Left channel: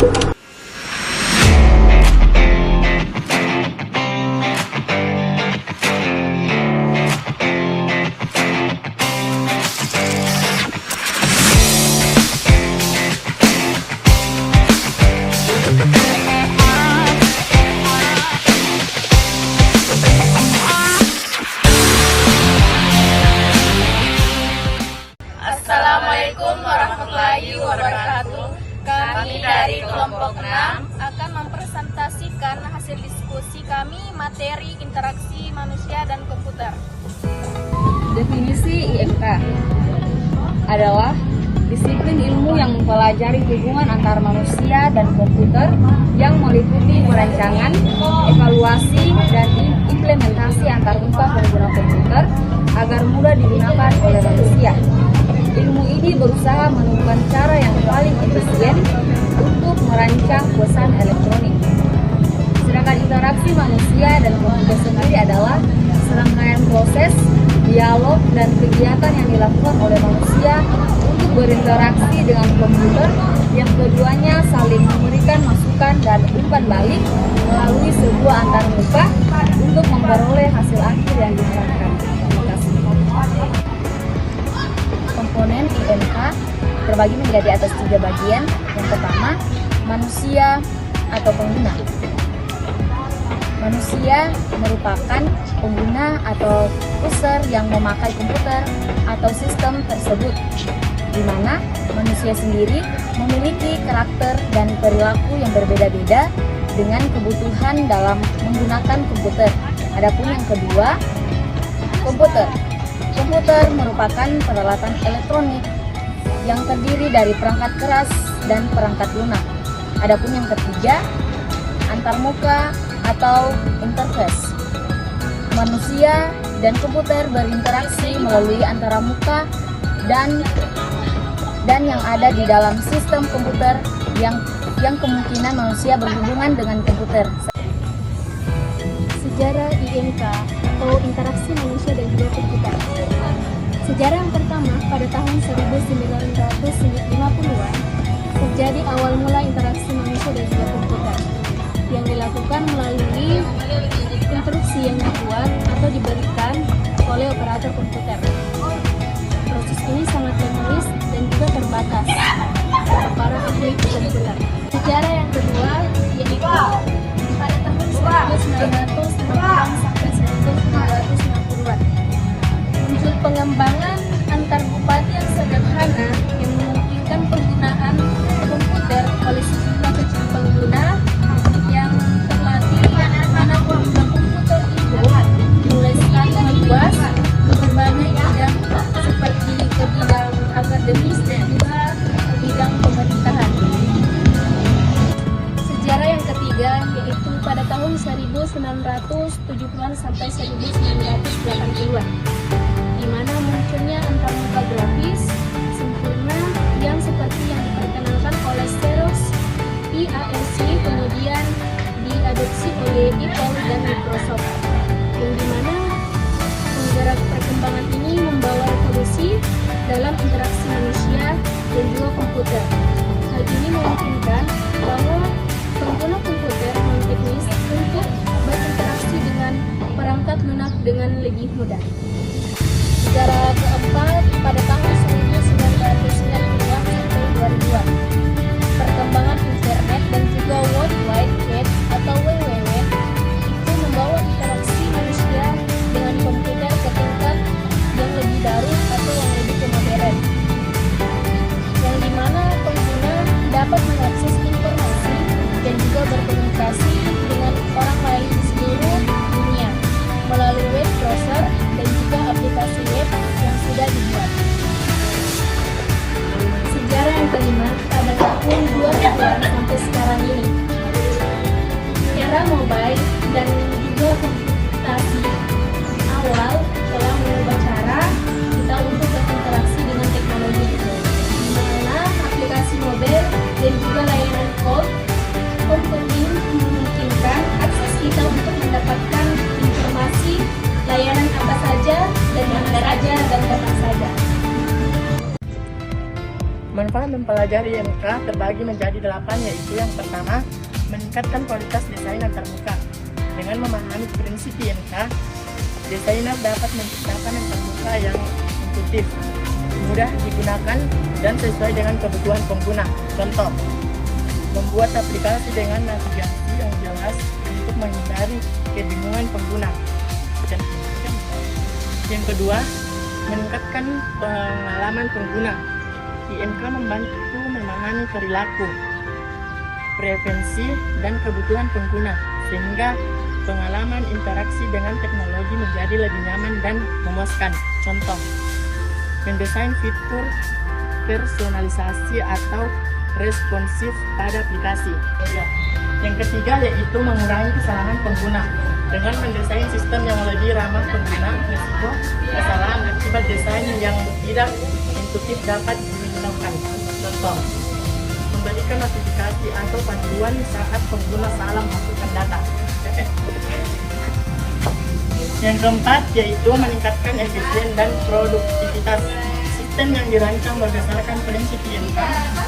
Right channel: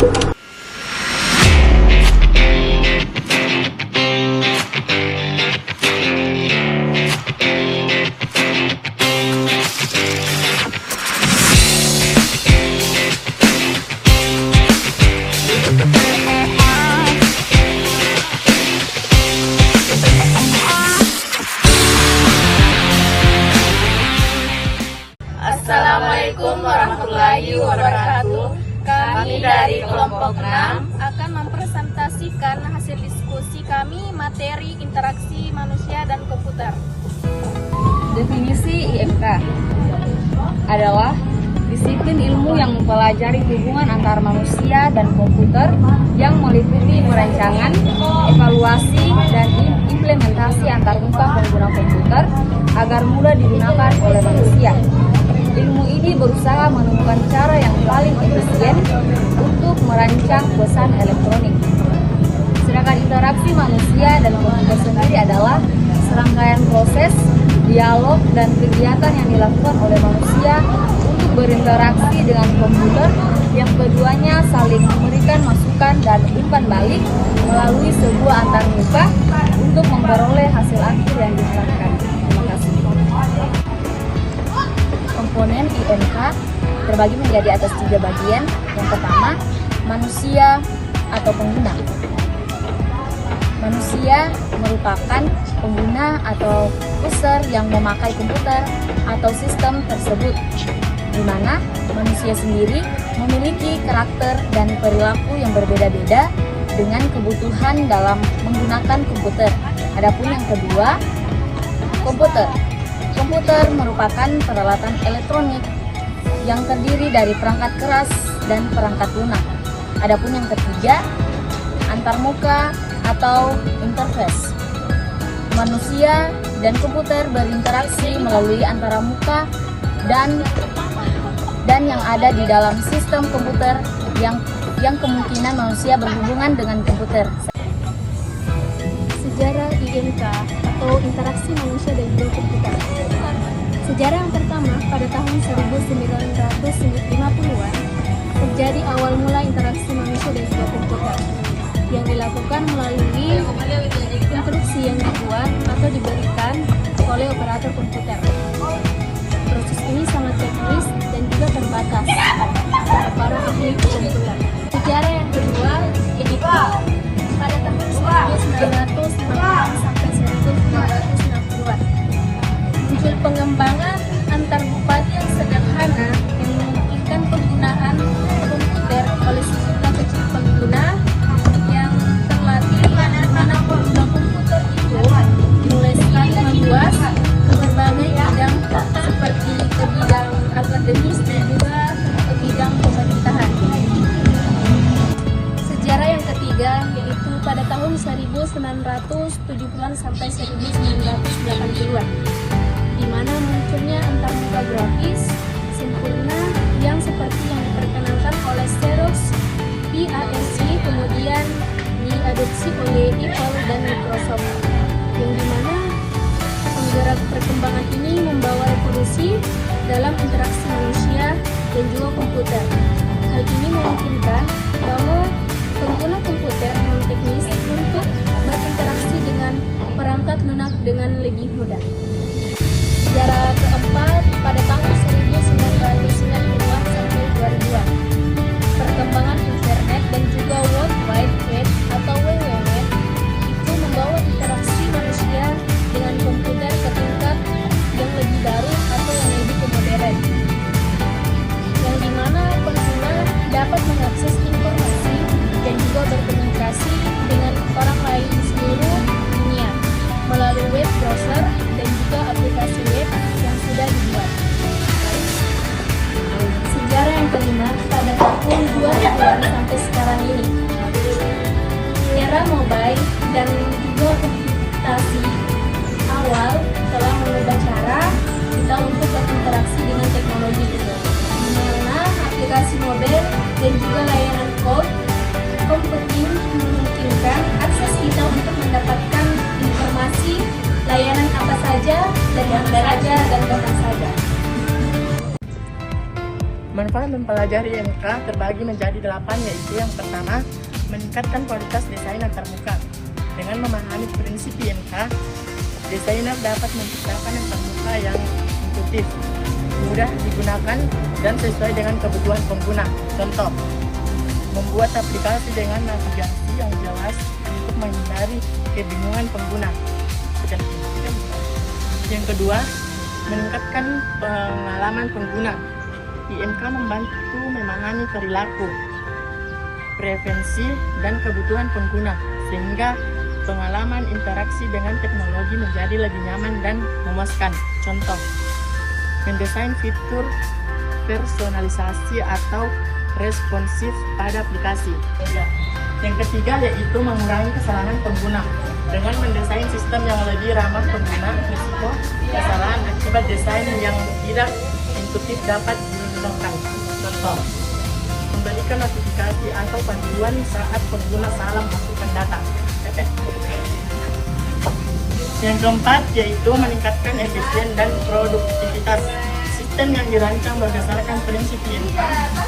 Assalamualaikum warahmatullahi wabarakatuh. Kami dari kelompok 6 akan mempresentasikan hasil diskusi kami materi interaksi manusia dan komputer. Definisi IMK adalah disiplin ilmu yang mempelajari hubungan antara manusia dan komputer yang meliputi perancangan, evaluasi, dan implementasi antarmuka pengguna komputer agar mudah digunakan oleh manusia. Ilmu ini berusaha menemukan cara yang paling efisien untuk merancang pesan elektronik. Sedangkan interaksi manusia dan komputer sendiri adalah serangkaian proses, dialog, dan kegiatan yang dilakukan oleh manusia untuk berinteraksi dengan komputer yang keduanya saling memberikan masukan dan umpan balik melalui sebuah antarmuka untuk memperoleh hasil akhir yang diharapkan. Terima kasih. Komponen IMK terbagi menjadi atas 3 bagian. Yang pertama, manusia atau pengguna. Manusia merupakan pengguna atau user yang memakai komputer atau sistem tersebut, di mana manusia sendiri memiliki karakter dan perilaku yang berbeda-beda dengan kebutuhan dalam menggunakan komputer. Adapun yang kedua, komputer. Komputer merupakan peralatan elektronik yang terdiri dari perangkat keras dan perangkat lunak. Adapun yang ketiga, antarmuka atau interface. Manusia dan komputer berinteraksi melalui antara muka dan yang ada di dalam sistem komputer yang kemungkinan manusia berhubungan dengan komputer. Sejarah IMK atau interaksi manusia dan juga komputer. Sejarah yang pertama pada tahun 1950-an terjadi awal mula interaksi manusia dan juga komputer yang dilakukan melalui instruksi yang dibuat atau diberikan oleh operator komputer. Proses ini sangat teknis dan juga terbatas oleh para ahli komputer. Sejarah yang kedua, IMK pada tahun 1950-an sampai 1990-an muncul pengembangan antar bupati yang sederhana yang memungkinkan penggunaan komputer oleh sejumlah kecil pengguna yang terlatih bagaimana penggunaan komputer itu dimulai sekali meluas ke berbagai bidang seperti ke bidang akademis dan juga ke bidang pemerintahan. Sejarah yang ketiga yaitu pada tahun 1970-an sampai 1980-an, di mana munculnya antarmuka grafis sempurna yang seperti yang diperkenalkan oleh Xerox, IASC, kemudian diadopsi oleh Apple dan Microsoft, yang dimana penggerak perkembangan ini membawa revolusi dalam interaksi manusia dan juga komputer. Hal ini memungkinkan bahwa pengguna komputer non teknis untuk berinteraksi dengan perangkat lunak dengan lebih mudah. Sejarah keempat pada tahun Manfaat mempelajari IMK terbagi menjadi 8, yaitu yang pertama, meningkatkan kualitas desain antarmuka. Dengan memahami prinsip IMK, desainer dapat menciptakan antarmuka yang intuitif, mudah digunakan, dan sesuai dengan kebutuhan pengguna. Contoh, membuat aplikasi dengan navigasi yang jelas untuk menghindari kebingungan pengguna. Yang kedua, meningkatkan pengalaman pengguna. IMK membantu memahami perilaku, preferensi, dan kebutuhan pengguna, sehingga pengalaman interaksi dengan teknologi menjadi lebih nyaman dan memuaskan. Contoh, mendesain fitur personalisasi atau responsif pada aplikasi. Yang ketiga yaitu mengurangi kesalahan pengguna. Dengan mendesain sistem yang lebih ramah pengguna, risiko kesalahan akibat desain yang tidak intuitif dapat dihindarkan. Contoh, memberikan notifikasi atau panduan saat pengguna salah masukkan data. Yang keempat yaitu meningkatkan efisien dan produktivitas. Sistem yang dirancang berdasarkan prinsip IMK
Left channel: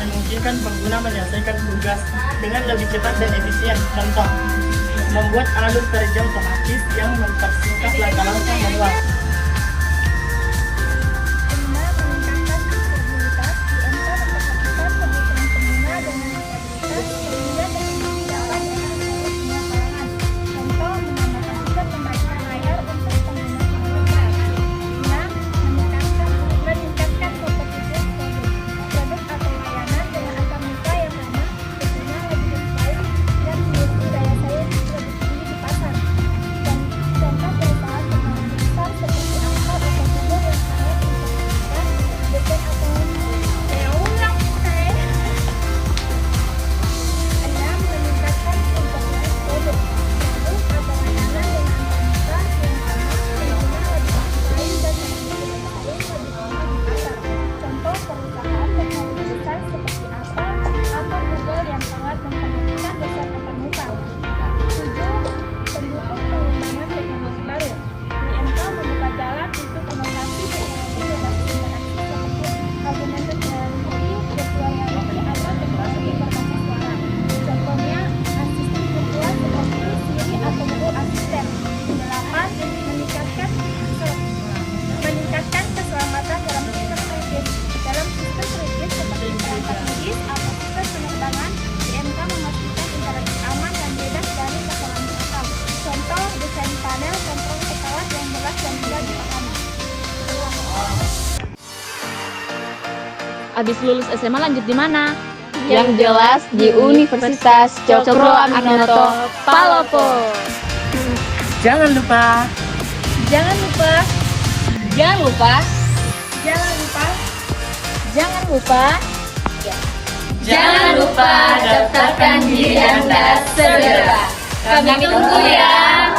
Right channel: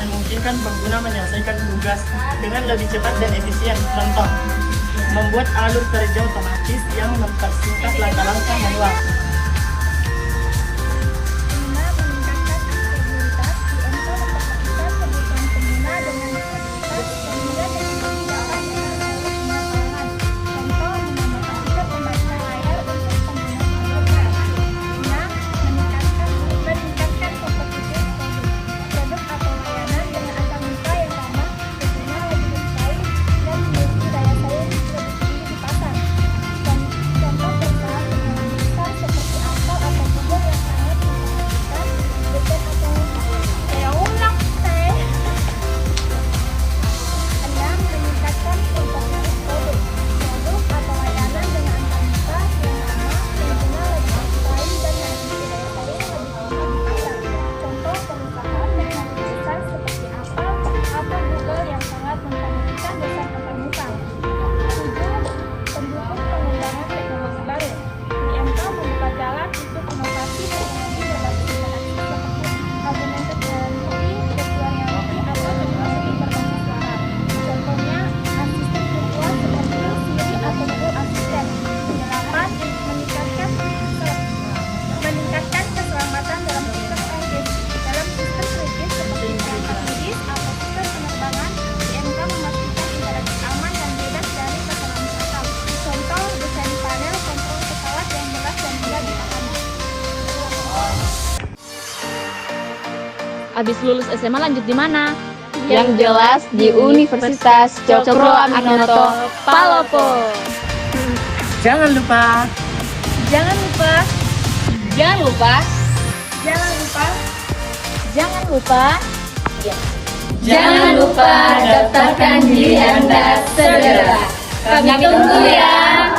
memungkinkan pengguna menyelesaikan tugas dengan lebih cepat dan efisien. Contoh, membuat alur kerja otomatis yang mempersingkat langkah-langkah manual. Abis lulus SMA lanjut di mana? Yang jelas di Universitas Cokro Aminoto Palopo. Jangan lupa Jangan lupa, Jangan lupa, jangan lupa, jangan lupa, jangan lupa daftarkan diri Anda segera. Kami tunggu ya.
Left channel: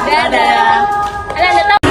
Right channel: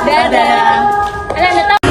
Dadah.